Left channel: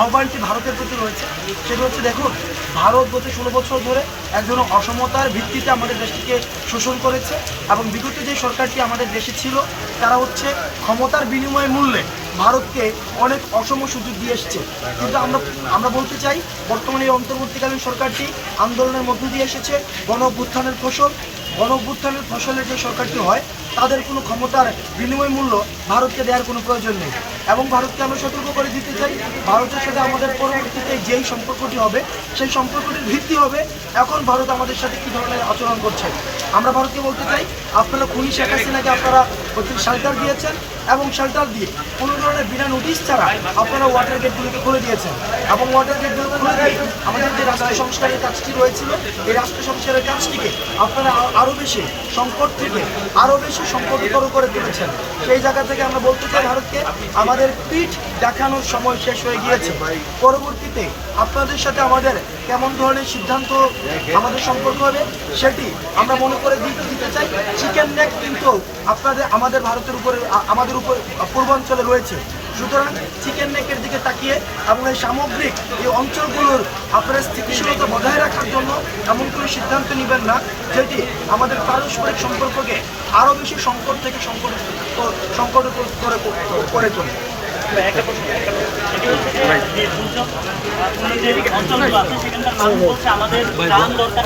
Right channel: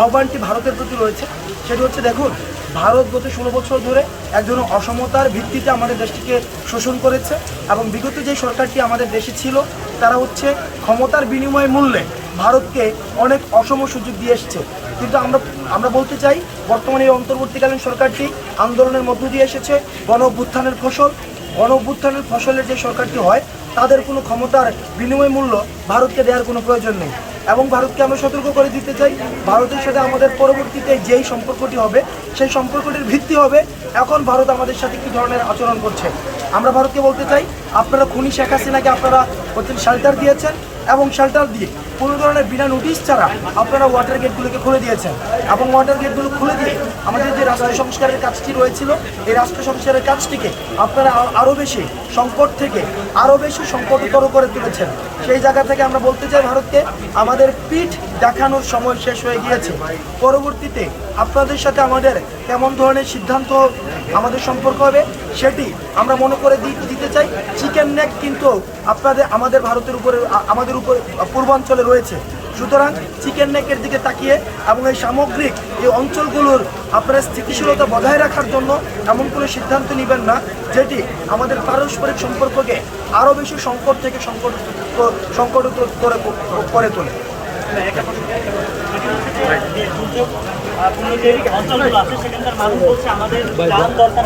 আহ্বানটি ভারতের প্রতি রয়েছে। সেটি হচ্ছে, দেখুন, ভারত গত ষোলো বছর ধরে এক ধরনের অসমতার ভিত্তিতে আমাদের দেশটিকে শোষণ করেছে এবং বিগত যে সরকারটি আমাদের দেশে ছিল, তারা হচ্ছে ক্ষমতার বিনিময় মূল্যে ভারতকে অনেক অসম সুযোগ দিয়ে এসছে। কিন্তু আমরা আমরা বলতে চাই, বর্তমানে এই অন্তর্বর্তীকালীন সরকারটি আন্দোলনের মধ্য দিয়ে এসেছে, গণ অভ্যুত্থানের ফসল। গণ অভ্যুত্থানের ফসলের যে সরকারটি হয়, তাদের কোনো ক্ষমতার বিনিময় মূল্য ভারতকে দেওয়ার কোনো প্রয়োজন নেই। এবং ভারতকে আমরা সতর্ক করে দিতে চাই। ভারতের সাথে আমাদের পরবর্তীতে যেই সম্পর্কটি হবে, সেই সম্পর্কটির ভিত্তি হবে এখন ভারত আমাদের সাথে কি ধরনের আচরণ করছে। আমরা ভারতকে বলতে চাই আপনারা খুনি শেখ হাসিনাকে আপনারা অতিরিক্ত শেল্টার দিয়েছেন এবং শেল্টার দিয়ে কোনো ধরনের বিনা নোটিশ ছাড়া আপনারা ওয়াটার গেটগুলোকে খুলে দিয়েছেন। এবং ওয়াটার গেটগুলো খুলে দিয়ে আমাদের যে রাষ্ট্র সংস্কারের কাজটি রয়েছিল, এই রাষ্ট্র সংস্কারের কাজটিকে আপনারা আরও বেশি সংকট থেকে আরও বেশি সংকটতর করে তুলেছেন। সেই জায়গা থেকে আমরা বলতে চাই ভারতকে, আমাদের পিঠ দেখানোর সময় শেষ হয়ে গিয়েছে। পরবর্তীতে আপনাদের সাথে আমাদের কেমন ধরনের সিদ্ধান্ত আমাদের সম্পর্ক হবে, সেটি আমরা মনে করে দিতে চাই। চিকেন নেক কিন্তু আপনাদের, আমাদের ভারতের উপরে আমাদের উপর পূর্বাঞ্চলে রয়েছে। সুতরাং চিকেন নেকের দিকে তাকিয়ে এবং এই সামগ্রিক এই অঞ্চলগুলোর আপনার স্থিতিশীলতা বজায় রাখার জন্য এমন কোনো সিদ্ধান্ত নেবেন না, যেটি আমাদের পারস্পরিক সম্পর্ককে আরও বেশি সংকট থেকে সংকট সংকট করে করে তোলে। যে, যে দুর্যোগ আহ, পূর্ণ যে অঞ্চলগুলো আছে সেখানকার মানুষ বলছে আমাদের ত্রাণ দরকার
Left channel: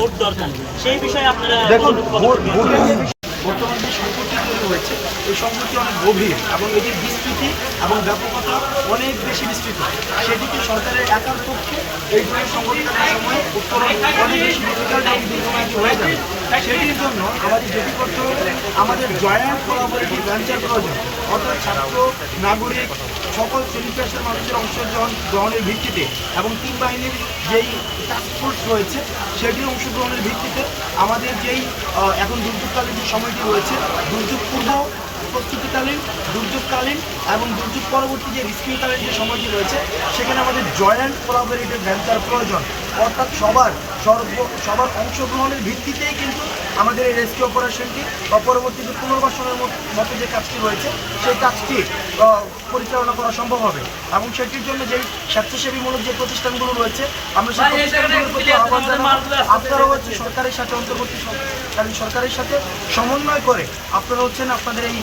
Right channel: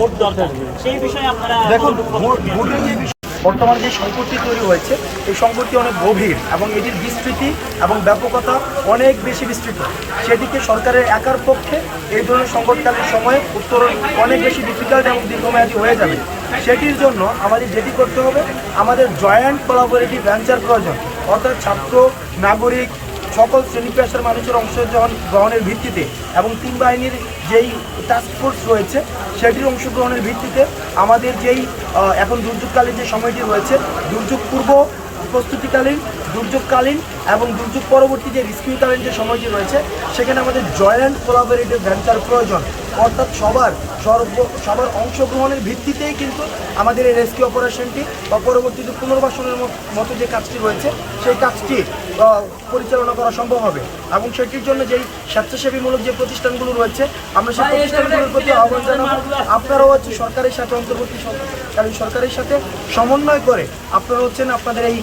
ভোট দরকার। সেই বিষয়ে আপনারা দেখুন কতটুকু ভোট- কতটুকু ভোটের যে বিষয়- বর্তমান যে সংকটটি তৈরি হয়েছে এই সংকটটি অনেক গভীর এবং এটির বিস্তৃতি এবং ব্যাপকতা অনেক বেশি বিস্তৃত। সেটিকে সরকারের একার পক্ষে এই ধরনের সংকটকালীন সময়ে উত্তরণ অনেক বেশি ডিফিকাল্ট এবং দীর্ঘমেয়াদী হয়ে যাবে। সেটির জন্য আমাদের যেটি করতে হবে আমাদের জয়েন্ট কোলাবোরেটিভ ভেঞ্চার প্রয়োজন। অর্থাৎ ছাত্র নাগরিক সকল শ্রেণি পেশার মানুষের অংশগ্রহণ গ্রহণের ভিত্তিতে এবং তিন বাহিনীর যেই টাস্কফোর্স রয়েছে, সেটির অংশগ্রহণের ভিত্তিতে আমাদের যেই এখন দুর্যোগকালীন যে সময়টি রয়েছে, দুর্যোগ পূর্ব প্রস্তুতিকালীন, দুর্যোগকালীন এবং দুর্যোগ পরবর্তী যে রিস্কিউকালীন যে সময়টি রয়েছে, সেখানে আমাদের জয়েন্ট কোলাবোরেটিভ ভেঞ্চার প্রয়োজন। অর্থাৎ সবার সর্ব সবার অংশগ্রহণের ভিত্তিতেই কিন্তু আমাদের এই রেস্কিউ অপারেশনটি বা পরবর্তীতে পুনর্বাসনের মতো যে কাজটি রয়েছে সেই কাজটি পরিচালনা করা সম্ভব হবে। এবং সেটির জন্য যেই স্বেচ্ছাসেবীমূলক যে প্রতিষ্ঠানগুলো রয়েছে আমরা সেই প্রতিষ্ঠানগুলোর প্রতি আহ্বান জানাব। আপনারাও হচ্ছে সরকারের সাথে অন্তর্বর্তী সরকারি সরকারের সাথে সমন্বয় করে আপনারা হচ্ছেন আপনাদের এই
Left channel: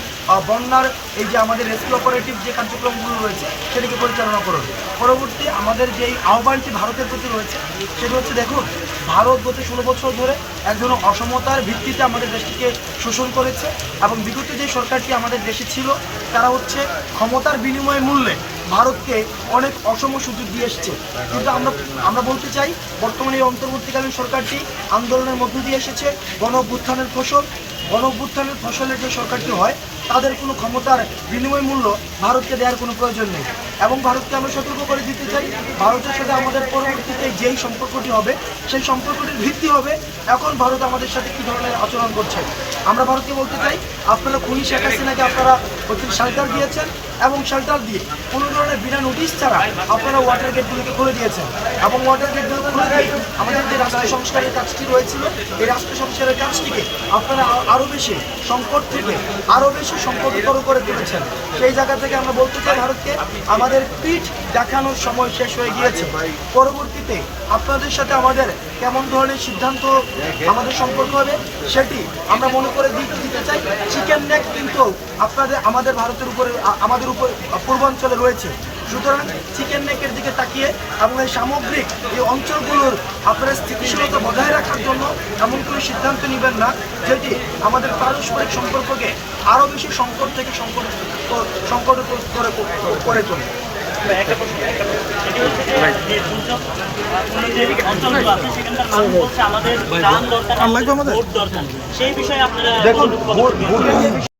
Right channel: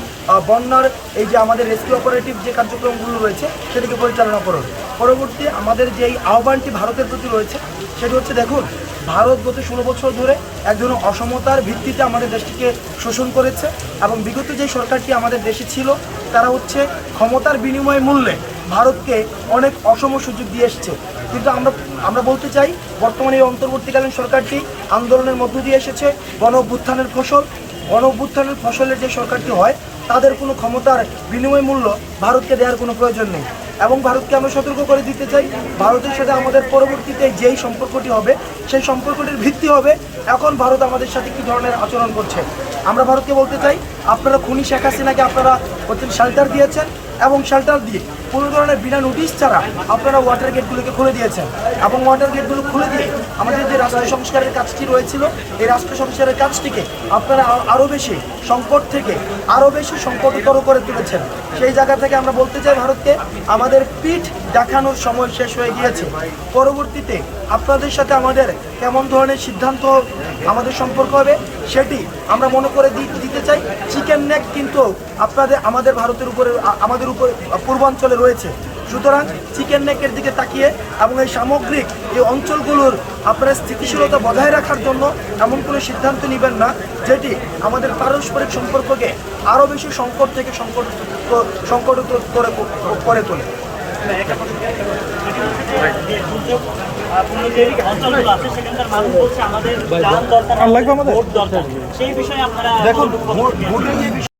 বন্যার এই যে আমাদের রেস্কিউ অপারেটিভ যে কার্যক্রমগুলো রয়েছে সেটিকে পরিচালনা করুন। পরবর্তী আমাদের যেই আহ্বানটি ভারতের প্রতি রয়েছে সেটি হচ্ছে দেখুন, ভারত গত ষোলো বছর ধরে এক ধরনের অসমতার ভিত্তিতে আমাদের দেশটিকে শোষণ করেছে এবং বিগত যে সরকারটি আমাদের দেশে ছিল, তারা হচ্ছে ক্ষমতার বিনিময় মূল্যে ভারতকে অনেক অসম সুযোগ দিয়ে এসছে। কিন্তু আমরা আমরা বলতে চাই, বর্তমানে এই অন্তর্বর্তীকালীন সরকারটি আন্দোলনের মধ্য দিয়ে এসেছে, গণ অভ্যুত্থানের ফসল। গণ অভ্যুত্থানের ফসলের যে সরকারটি হয়, তাদের কোনো ক্ষমতার বিনিময় মূল্য ভারতকে দেওয়ার কোনো প্রয়োজন নেই। এবং ভারতকে আমি সতর্ক করে দিতে চাই। ভারতের সাথে আমাদের পরবর্তীতে যেই সম্পর্কটি হবে, সেই সম্পর্কটির ভিত্তি হবে এখন ভারত আমাদের সাথে কী ধরনের আচরণ করছে। আমরা ভারতকে বলতে চাই আপনারা খুনি শেখ হাসিনাকে আপনারা অতিরিক্ত শেল্টার দিয়েছেন এবং শেল্টার দিয়ে কোনো ধরনের বিনা নোটিশ ছাড়া আপনারা ওয়াটার গেটগুলোকে খুলে দিয়েছেন। এবং ওয়াটার গেটগুলো খুলে দিয়ে আমাদের যে রাষ্ট্র সংস্কারের কাজটি রয়েছিল, এই রাষ্ট্র সংস্কারের কাজটিকে আপনারা আরও বেশি সংকট থেকে আরও বেশি সংকটতর করে তুলেছেন। সেই জায়গা থেকে আমরা বলতে চাই ভারতকে, আমাদের পিঠ দেখানোর সময় শেষ হয়ে গিয়েছে। পরবর্তীতে আপনাদের সাথে আমাদের কেমন ধরনের সিদ্ধান্ত আমাদের সম্পর্ক হবে, সেটি আমরা মনে করে দিতে চাই। চিকেন নেক কিন্তু আপনাদের, আমাদের ভারতের উপরে আমাদের উপর পূর্বাঞ্চলে রয়েছে। সুতরাং চিকেন নেকের দিকে তাকিয়ে এবং এই সামগ্রিক এই অঞ্চলগুলোর আপনার স্থিতিশীলতা বজায় রাখার জন্য এমন কোনো সিদ্ধান্ত নেবেন না, যেটি আমাদের পারস্পরিক সম্পর্ককে আরও বেশি সংকট থেকে সংকট সংকট করে করে তোলে। মানুষ বলছে আমাদের? সেই বিষয়ে আপনারা